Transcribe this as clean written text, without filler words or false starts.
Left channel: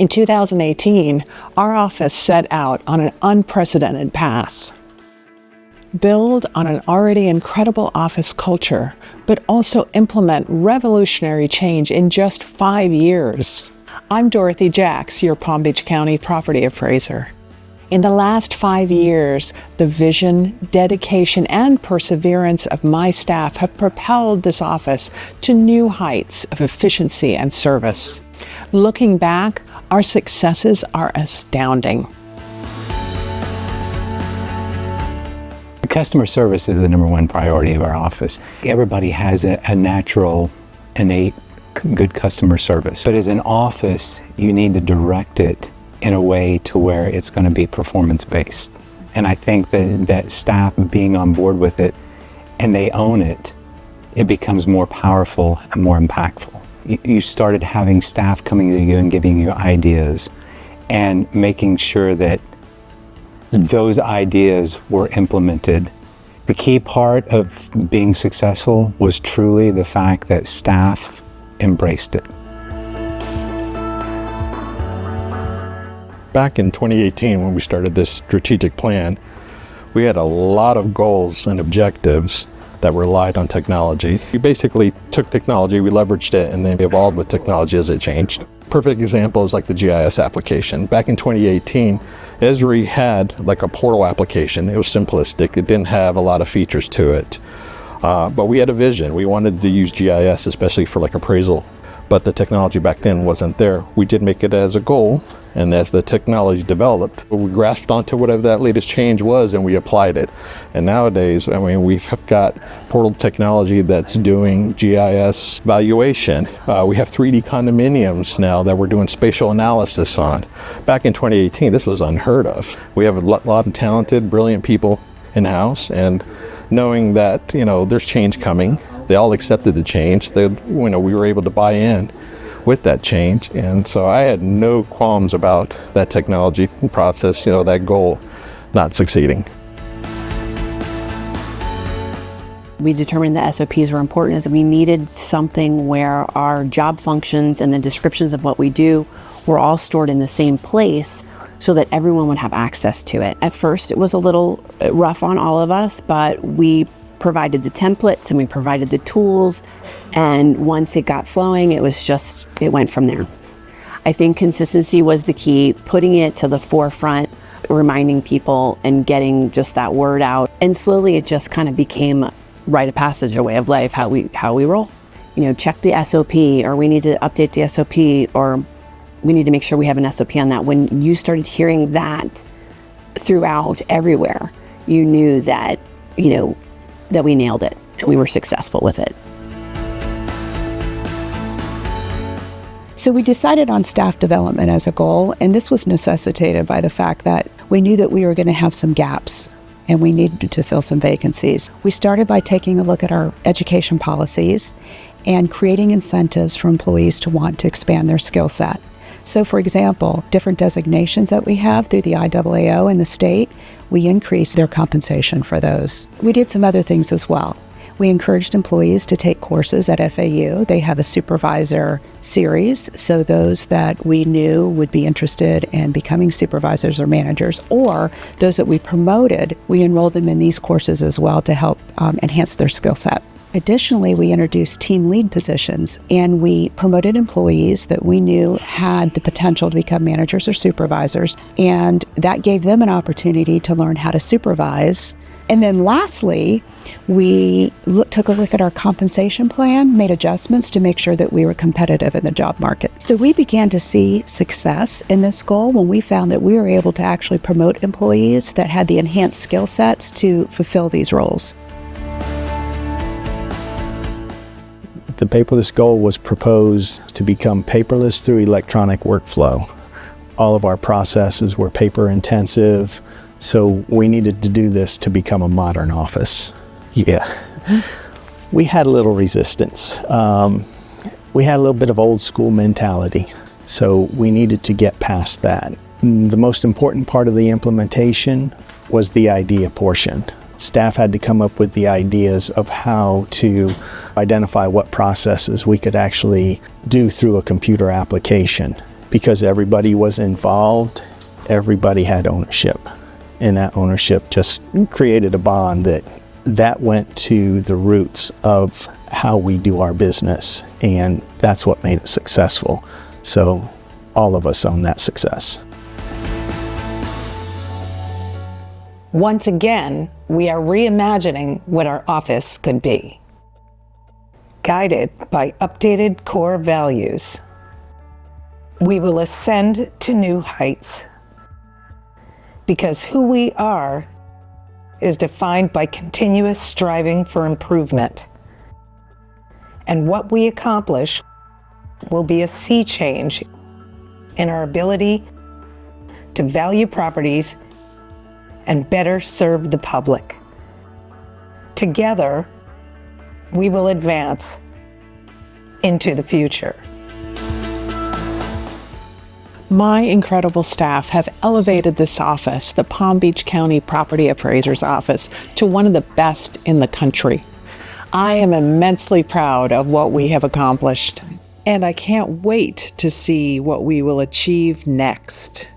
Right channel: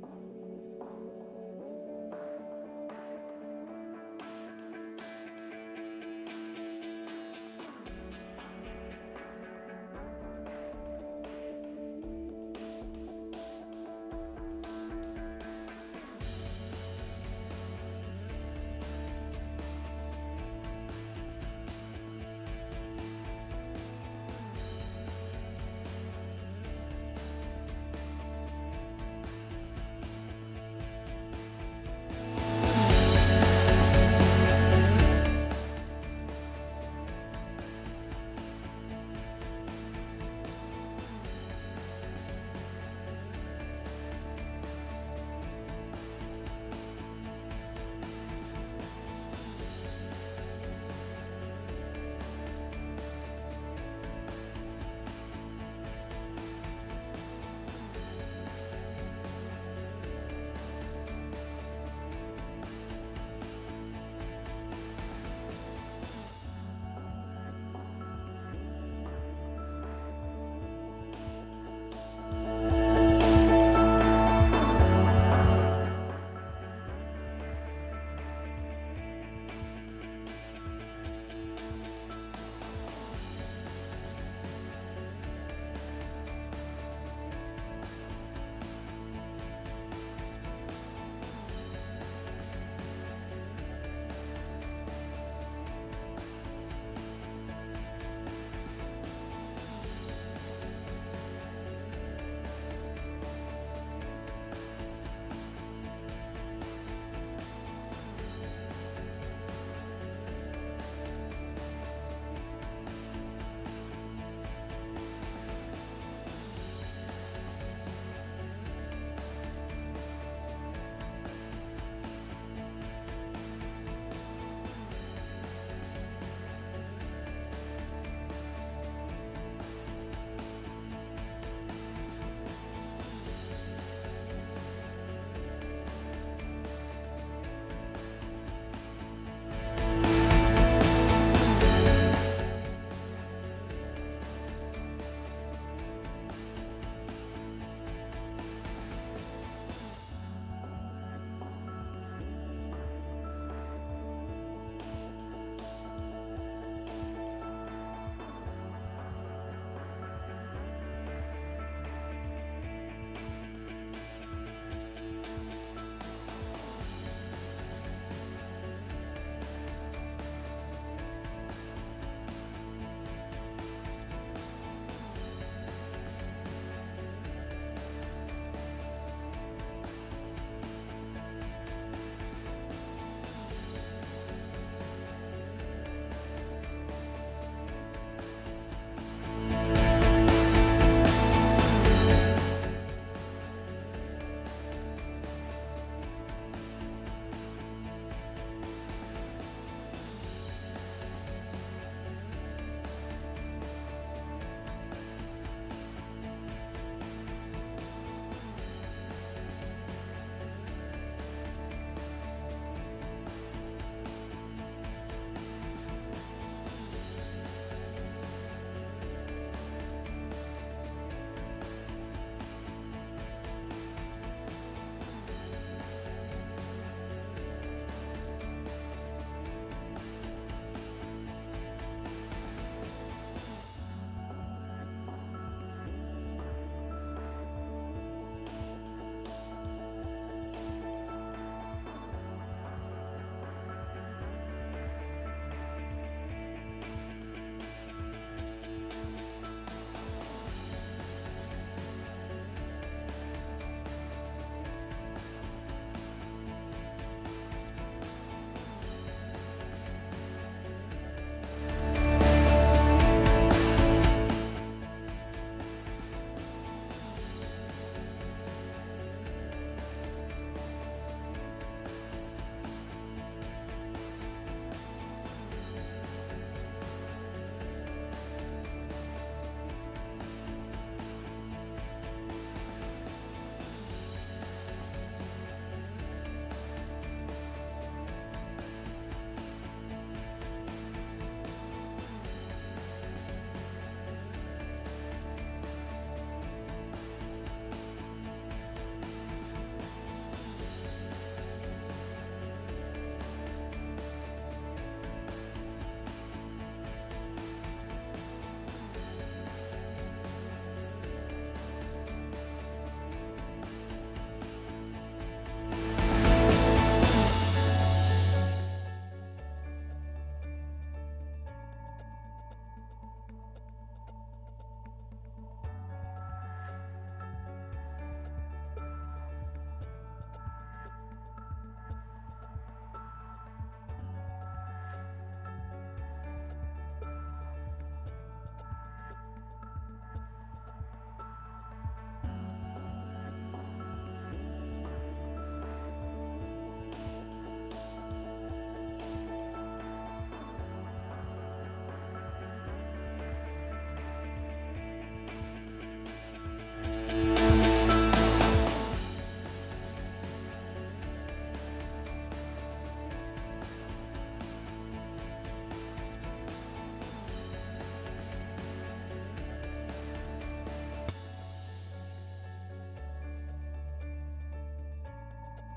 In 2018, our office set out on an unprecedented path. Build on an already incredible office culture, but also implement revolutionary change in just 5 years. I'm Dorothy Jacks, your Palm Beach County property appraiser. In the last 5 years, the vision, dedication, and perseverance of my staff have propelled this office to new heights of efficiency and service. Looking back, our successes are astounding. Customer service is the #1 priority of our office. Everybody has a natural, innate, good customer service. But as an office, you need to direct it in a way to where it's going to be performance-based. And I think that staff being on board with it and they own it, it becomes more powerful and more impactful. You started having staff coming to you and giving you ideas and making sure that those ideas were implemented. The key part of being successful was truly the fact that staff embraced it. Back in 2018, when we started this strategic plan, we had a lot of goals and objectives that relied on technology. We basically took technology, we leveraged it, and then evolved with technology as it changed. Perfect example is like the GIS application. Back in 2018, Esri had like a portal application. It was simplistic. It didn't have a lot of features to it. But we had a vision. We wanted to use GIS, especially for like appraisal. But the technology back then wasn't there. We did make it as a goal, and as the technology developed, we grasped onto whatever that latest change was and we applied it. And nowadays, I mean, we've got portal technology that's doing GIS valuation. We have 3D condominiums now that we're doing spatial analysis on. Back in 2018, this was unheard of. We have a lot of talented, brilliant people in-house, and knowing that, there's change coming, they all accepted the change. We were able to buy in with that change. And so I had no qualms about that technology process, that goal not succeeding. We determined that SOPs were important as we needed something where our job functions and the descriptions of what we do were all stored in the same place so that everyone would have access to it. At first, it was a little rough on all of us, but we provided the templates and we provided the tools, and once it got flowing, it went from there. I think consistency was the key, putting it to the forefront, reminding people and getting just that word out, and slowly it just kind of became a rite of passage, a way of life, how we roll. Check the SOP, or we need to update the SOP, or we need to make sure we have an SOP on that. When you started hearing that throughout everywhere, you knew that, that we nailed it and we were successful with it. So we decided on staff development as a goal, and this was necessitated by the fact that we knew that we were going to have some gaps and we needed to fill some vacancies. We started by taking a look at our education policies and creating incentives for employees to want to expand their skill set. So for example, different designations that we have through the IAAO and the state, we increased their compensation for those. We did some other things as well. We encouraged employees to take courses at FAU. They have a supervisor series, so those that we knew would be interested in becoming supervisors or managers, or those that we promoted, we enrolled them in these courses as well to help enhance their skill set. Additionally, we introduced team lead positions, and we promoted employees that we knew had the potential to become managers or supervisors, and that gave them an opportunity to learn how to supervise. And then lastly, we took a look at our compensation plan, made adjustments to make sure that we were competitive in the job market. So we began to see success in this goal when we found that we were able to actually promote employees that had the enhanced skill sets to fulfill these roles. The paperless goal was proposed to become paperless through electronic workflow. All of our processes were paper intensive, so we needed to do this to become a modern office. Yeah, we had a little resistance. We had a little bit of old school mentality, so we needed to get past that. The most important part of the implementation was the idea portion. Staff had to come up with the ideas of how to identify what processes we could actually do through a computer application. because everybody was involved, everybody had ownership. And that ownership just created a bond that went to the roots of how we do our business. And that's what made it successful. So all of us own that success. Once again, we are reimagining what our office could be. Guided by updated core values, we will ascend to new heights. Because who we are is defined by continuous striving for improvement. And what we accomplish will be a sea change in our ability to value properties and better serve the public. Together, we will advance into the future. My incredible staff have elevated this office, the Palm Beach County Property Appraiser's Office, to one of the best in the country. I am immensely proud of what we have accomplished, and I can't wait to see what we will achieve next.